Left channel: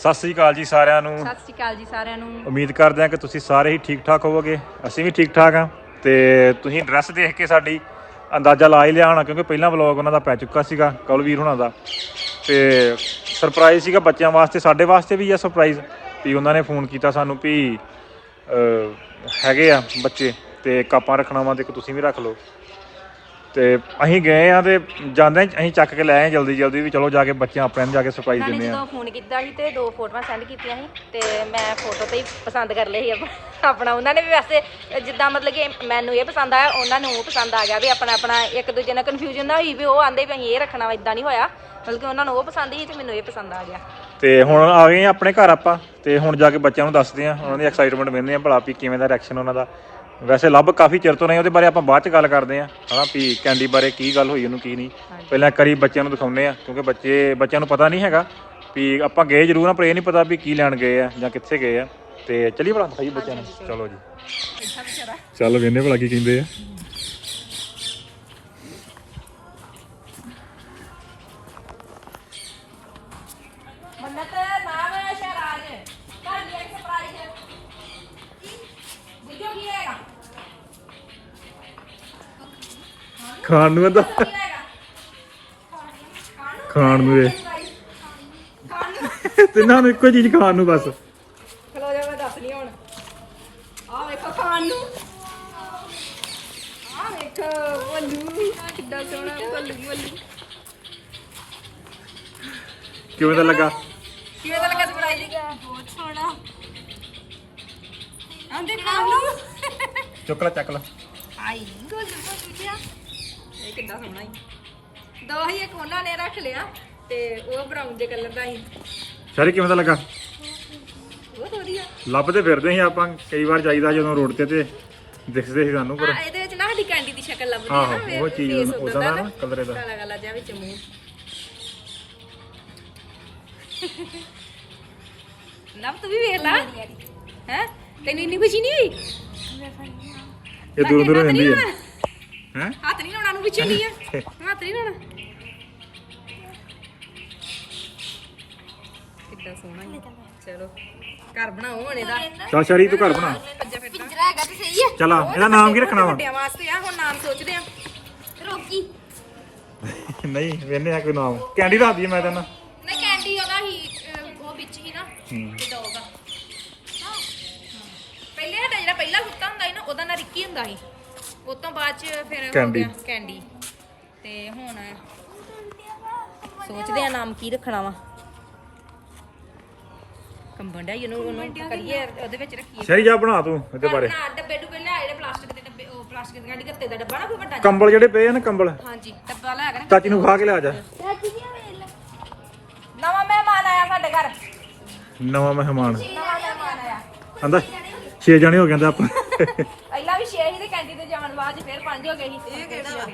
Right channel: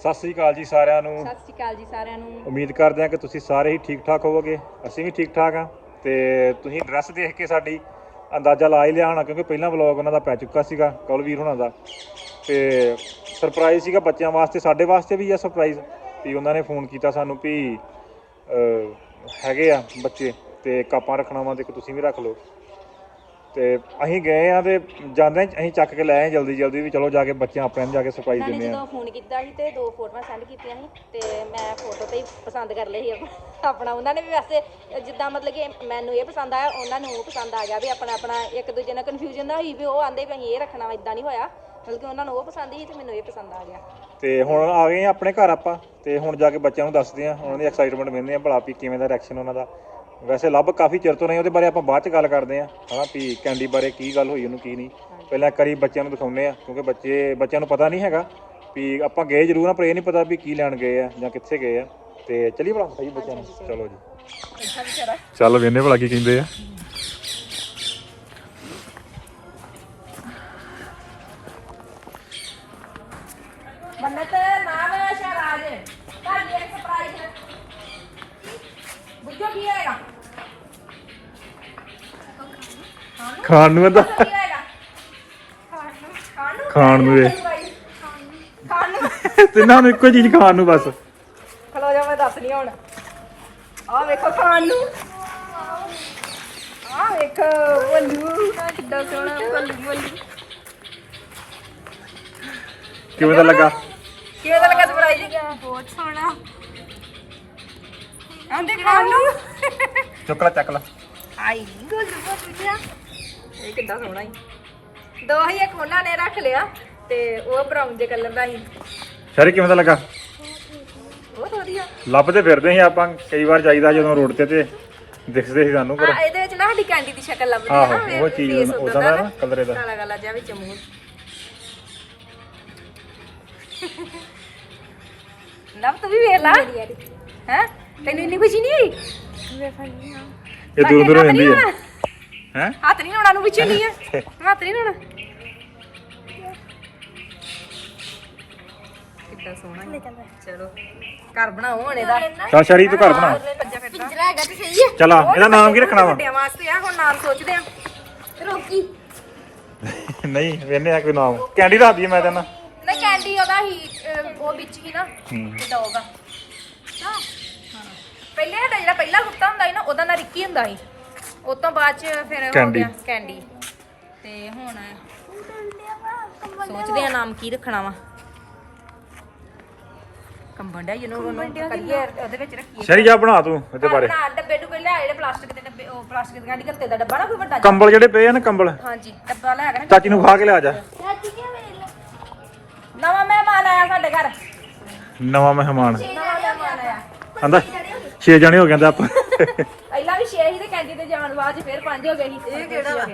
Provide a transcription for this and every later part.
ਸਤਿ ਸ੍ਰੀ ਅਕਾਲ ਜੀ ਸਾਰਿਆਂ ਨੂੰ। ਸਤਿ ਸ਼੍ਰੀ ਅਕਾਲ ਜੀ ਸਾਰਿਆਂ ਨੂੰ। ਉਮੀਦ ਕਰਦੇ ਹਾਂ ਕਿ ਤੁਸੀਂ ਸਾਰੇ ਹੀ ਠੀਕ ਠਾਕ ਹੋਵੋਗੇ। ਅਸੀਂ ਵੀ ਠੀਕ ਠਾਕ ਹਾਂ ਤੇ ਤੁਸੀਂ ਡਰੈਸ ਦੇਖ ਕੇ ਸਾਡੀ ਅੰਦਾਜ਼ਾ ਲਾ ਹੀ ਲਿਆ ਹੋਣਾ ਕਿਉਂਕਿ ਪਹਿਲਾਂ ਵਲੌਗ ਉਹਨਾਂ ਦਾ ਪੈ ਚੁੱਕਾ ਸੀਗਾ ਕੌਲਵੀਰ ਹੁਣਾਂ ਦਾ। ਤੇ ਸਰਪ੍ਰਾਈਜ਼ ਸੀਗਾ ਬੱਚਿਆਂ ਵਾਸਤੇ ਸਾਡੇ ਵਾਸਤੇ ਵੀ ਆ ਸਰਪ੍ਰਾਈਜ਼ ਵੀ ਉਹਨਾਂ ਨੇ ਫੋਨ ਕੀਤਾ ਸਾਨੂੰ ਵੀ ਅਹ, ਹੈਗੇ ਆ ਬੱਚੇ ਤੇ ਕਾਪਾਂ ਰੱਖਣਾ ਵਾ ਤੇ ਇੱਕ ਤੁਸੀਂ ਵੀ ਰੱਖ ਲਓ। ਤੇ ਅਸੀਂ ਗਏ ਆ ਤੇ ਜਾਂਦੇ ਅਸੀਂ ਚੱਕ ਕੇ ਲੈ ਆਏ ਜਲਦੀ ਜਲਦੀ ਵੀ ਚਲੋ ਜਾ ਕੇ ਬੱਚਿਆਂ ਆਪਣਿਆਂ ਨੂੰ ਜਾ ਕੇ ਸਰਪ੍ਰਾਈਜ਼ ਉਹਨਾਂ ਨੇ ਦਿੰਦੇ ਆ ਜਦੋਂ ਫੋਨ ਕੀਤਾ ਸੀ ਤੇ ਦੋ ਫੋਟੋਆਂ ਸੈਂਡ ਕੀਤੀਆਂ ਸੀ ਤੇ ਮੈਂ ਫੋਟੋ ਤੇ ਹੀ ਪਸੰਦ ਕਰ ਲਈ ਸੀ ਆਪ- ਆਪਣਾ। ਉਹਨਾਂ ਨੇ ਵੀ ਵੈਸੇ ਜਿੱਦਾਂ ਮਤਲਬ ਕਿ ਮੈਨੂੰ ਇਹ ਪਸੰਦ ਆਇਆ ਉਹਨਾਂ ਨੂੰ ਉਹ ਪਸੰਦ ਆ ਗਿਆ ਵੀ ਆਪਣਾ ਆਪਣਾ ਇੱਕ ਦੂਜੇ ਨਾਲ ਕਨਫਿਊਜ਼ਨ ਨਾ ਹੋਈ ਵੀ ਉਹ ਆਂਦੇ ਵੀ ਅਸੀਂ ਇਹ ਰੱਖਣਾ ਵਾ ਇਦਾਂ ਨਹੀਂ ਹੋਇਆ। ਬਲਕਿ ਉਹਨਾਂ ਨੂੰ ਉਹ ਪਸੰਦ ਸੀ ਤੇ ਮੈਨੂੰ ਇਹ ਪਸੰਦ ਆ ਗਿਆ। ਤੇ ਹੁਣ ਆ ਗਏ ਆ ਆਪਣੇ ਘਰ ਆਪਾਂ ਤੇ ਹੁਣ ਜਾ ਕੇ ਬੱਚਿਆਂ ਨੂੰ ਦੱਸਦੇ ਆ ਉਹਨਾਂ ਦੀ ਐਕਸਾਈਟਮੈਂਟ ਵੇਖਦੇ ਆ ਭਲਾ ਵੀ ਕਿਵੇਂ ਦਾ ਰਿਐਕਸ਼ਨ ਉਹਨਾਂ ਦਾ। ਵੈਸੇ ਲੱਭ ਕਾਫੀ ਚਿਰ ਤੋਂ ਨਹੀਂ ਉਹਦੇ ਬਾਰੇ ਆਪਾਂ ਬਾਅਦ ਚ ਗੱਲ ਕਰਦੇ ਆ ਹਨਾ ਵੀ ਕੈਂਡੀ ਬਾਰੇ ਕੀ ਗੱਲ ਹੋਈ ਉਹਨੂੰ ਕੀ ਨਹੀਂ। ਪਹਿਲਾਂ ਇੱਕ ਵਾਰੀ ਬੱਚਿਆਂ ਨੂੰ ਦਿਖਾਉਂਦੇ ਆ ਕਿਉਂਕਿ ਬੱਚੇ ਬੱਚਿਆਂ ਨੂੰ ਪਤਾ ਨਹੀਂ ਹੈਗਾ ਵੀ ਆਪਾਂ ਗਏ ਜ਼ਰੂਰ ਆ ਪਰ ਇਹ ਨਹੀਂ ਪਤਾ ਵੀ ਕੀ ਲੈਣ ਗਏ ਆ ਜਾਂ ਕਿੱਥੇ ਗਏ ਆ। ਤੇ ਚਲੀ ਭਲਾ ਦਿਖਾਈ ਬੱਚਿਆਂ ਨੂੰ। ਚਲੋ ਜੀ। ਚੱਲ ਵੇਨੇ ਭਲਾ ਕੀ ਕਹਿੰਦੇ ਆ। ਖਾਣ ਨੂੰ ਇਹਦਾ? ਖਾਣ ਨੂੰ ਖਾਣ ਨੂੰ ਇਹ। ਖਾਣ ਨੂੰ ਤਿੰਨਾਂ ਨੂੰ। ਇੱਕੋ ਚੀਜ਼ ਖਾਣ ਨੂੰ ਬਸ। ਖਲੋ ਜਾ ਮੈਂ ਦੱਸ ਨਹੀਂ ਹੁਣ। ਆਹ ਵੇਖੋ ਖਾਣ ਨੂੰ। ਆਹ ਵੇਖੋ ਬੱਲੂ ਕਿੱਡਾ ਸੋਹਣਾ ਬੱਲੂ ਬੱਲੂ ਕਿਵੇਂ ਦਾ ਲੱਗਾ? ਕਿਵੇਂ ਦਾ ਲੱਗਾ ਸਰਪ੍ਰਾਈਜ਼ ਬਹੁਤ ਸੋਹਣਾ। ਆਂਦੇ ਖਾਣ ਨੂੰ। ਚੁੱਕ ਲੈ ਚੱਕ ਲੈ। ਆਈ ਗੁੱਲ ਬੱਬਿਆ ਇਹ ਕਿੱਡਾ ਸੋਹਣਾ ਹੀ ਦੋ ਹੀ ਇੱਕ ਉਹਨਾਂ ਨੇ ਰੱਖ ਲਿਆ ਤੇ ਉਹ ਬਰਾਊਨ ਜੇ ਕਲਰ ਦਾ ਸੀ। ਸ਼ਰੀ ਕਿਵੇਂ ਦਾ ਲੱਗਾ? ਬਹੁਤ ਵਧੀਆ। ਲੱਭਦੇ ਫਿਰਦੇ ਸੀ ਆਪਾਂ ਕਈ ਵਾਰ ਜਾਈਦਾ ਜਦੋਂ ਰੋਡ ਤੇ ਤੇ ਦਿਖਦੇ ਸੀ ਸਾਨੂੰ ਪਰ ਆ ਇਹਦੇ ਵਿੱਚ ਨਾ ਸਾਡੀ ਕੈਂਡੀ ਦੀ ਸ਼ਕਲ ਲੱਭਦੀ ਆਹੋ, ਹੈ ਨਾ ਉਹ ਚੀਜ਼ ਉਹਦਾ ਨਾ colour ਇਹਦਾ। ਕਾਲਾ ਕਾਲਾ ਜਿਹਾ ਵਿੱਚ ਮੂੰਹ। ਨਵ ਤੂੰ ਵੀ ਵੇਖ ਲਾ। ਹੈ? ਤੈਨੂੰ ਇੰਨੀ ਖੁਸ਼ੀ ਨਹੀਂ ਹੋਈ? ਇਹ ਦੂਰ ਦੂਰ ਹੁੰਦੀ ਹੈ ਹੈ? ਹੱਥ ਨਹੀਂ ਲਾਉਣਾ ਨੂੰ ਵਿੱਚ ਨਹੀਂ ਹੈ ਹੱਥ ਨਹੀਂ ਲਾਉਣਾ। ਕਿੱਦਾਂ ਸੋਹਣਾ ਈ। ਚਲੋ ਘਰ ਬਣਾਓ ਹੁਣ ਇਹਦਾ ਤਾਂ ਸ਼ਰੀ ਤੂੰ ਘਰ ਬਣਾ। ਪੰਜਾ ਫਿਰਦਾ ਹੈਗਾ ਤੇ ਸਹੀ ਹੈ ਚਲਾ ਇਹਦਾ ਨਾਮ ਕੀ ਰੱਖਣਾ ਵਾ? ਵੱਡਿਆਂ ਵਾਸਤੇ ਆ ਹੁਣ ਨਾਮ ਸੋਚਦੇ ਆ। ਰੋਕੀ। ਨਹੀਂ ਵੇਨੇ ਆ ਕੋਈ ਨਾਮ। ਕੈਂਡੀ ਦੱਸ ਦਈਏ ਮੈਂ ਤੈਨੂੰ ਨਹੀਂ ਕੈਂਡੀ ਉਹਦਾ ਹੀ ਅਹ, ਉਹ ਵਿੱਚ ਹੀ ਨਾ ਹੂੰ। ਡੌਗ ਆ। ਹਾਂ। ਪਹਿਲੇ ਸਾਡਾ ਜਿਹੜਾ ਪਹਿਲਾ ਕੁੱਤਾ ਹੁੰਦਾ ਸੀ ਨਾ ਉਹਦਾ ਨਾਂ ਰਿੱਕੀ ਹੁੰਦਾ ਸੀ। ਉਸ ਤੋਂ ਬਾਅਦ ਚ ਫਿਰ ਹੋ। ਗਿਆ ਕੈਂਡੀ ਤੇ ਹੁਣ ਸੋਚਦੇ ਆ ਨਾਮ ਕੀ ਰੱਖਣਾ ਵਾ। ਡਿਆ ਇਹਨੂੰ ਉਹਨੂੰ ਕਰੀਏ ਉਹਦੇ ਵਿੱਚ ਰੱਖੀਏ। ਸ਼ਰੀ ਜਾ ਬਣਾ ਤੂੰ ਇਹਦੇ ਬਾਰੇ। ਨਾ ਡੱਬੇ ਡੁੱਬੇ ਲਿਆ ਜਿਹੜੇ ਪਲਾਸਟਿਕ ਦੇ ਡੱਬੇ ਉਹ ਪਲਾਸਟਿਕ ਦੇ ਗਾਂਢੀ ਗੱਤੇ ਦਾ ਡੱਬਾ ਨਾ ਕੋਈ ਵੱਡਾ ਜਿਹਾ। ਕੰਬਲ ਜਿਹੜੇ ਪਏ ਆ ਨਾ ਕੰਬਲ। ਹਾਂਜੀ ਡੱਬਾ ਲੈ ਕੇ ਨਾ ਚਾਚੀ ਨੂੰ ਖਾ ਕੇ ਲਿਆ ਜਾ। ਨਵਾਂ ਮਹਿਮਾਨ ਆਇਆ ਸਾਡੇ ਘਰ। ਨਵਾਂ ਮਹਿਮਾਨ। ਆਂਦਾ 6 ਜਣੇ ਹੋ ਗਏ ਆਪਾਂ। ਪਹਿਲਾਂ ਵੀ 6 ਸੀ ਤੇ ਕੈਂਡੀ ਤੇ ਜਾਣ ਬਾਅਦ ਚ ਫਿਰ 5 ਹੋ ਗਏ ਸੀ। ਇਹ ਕਿਹੜਾ ਵਾ?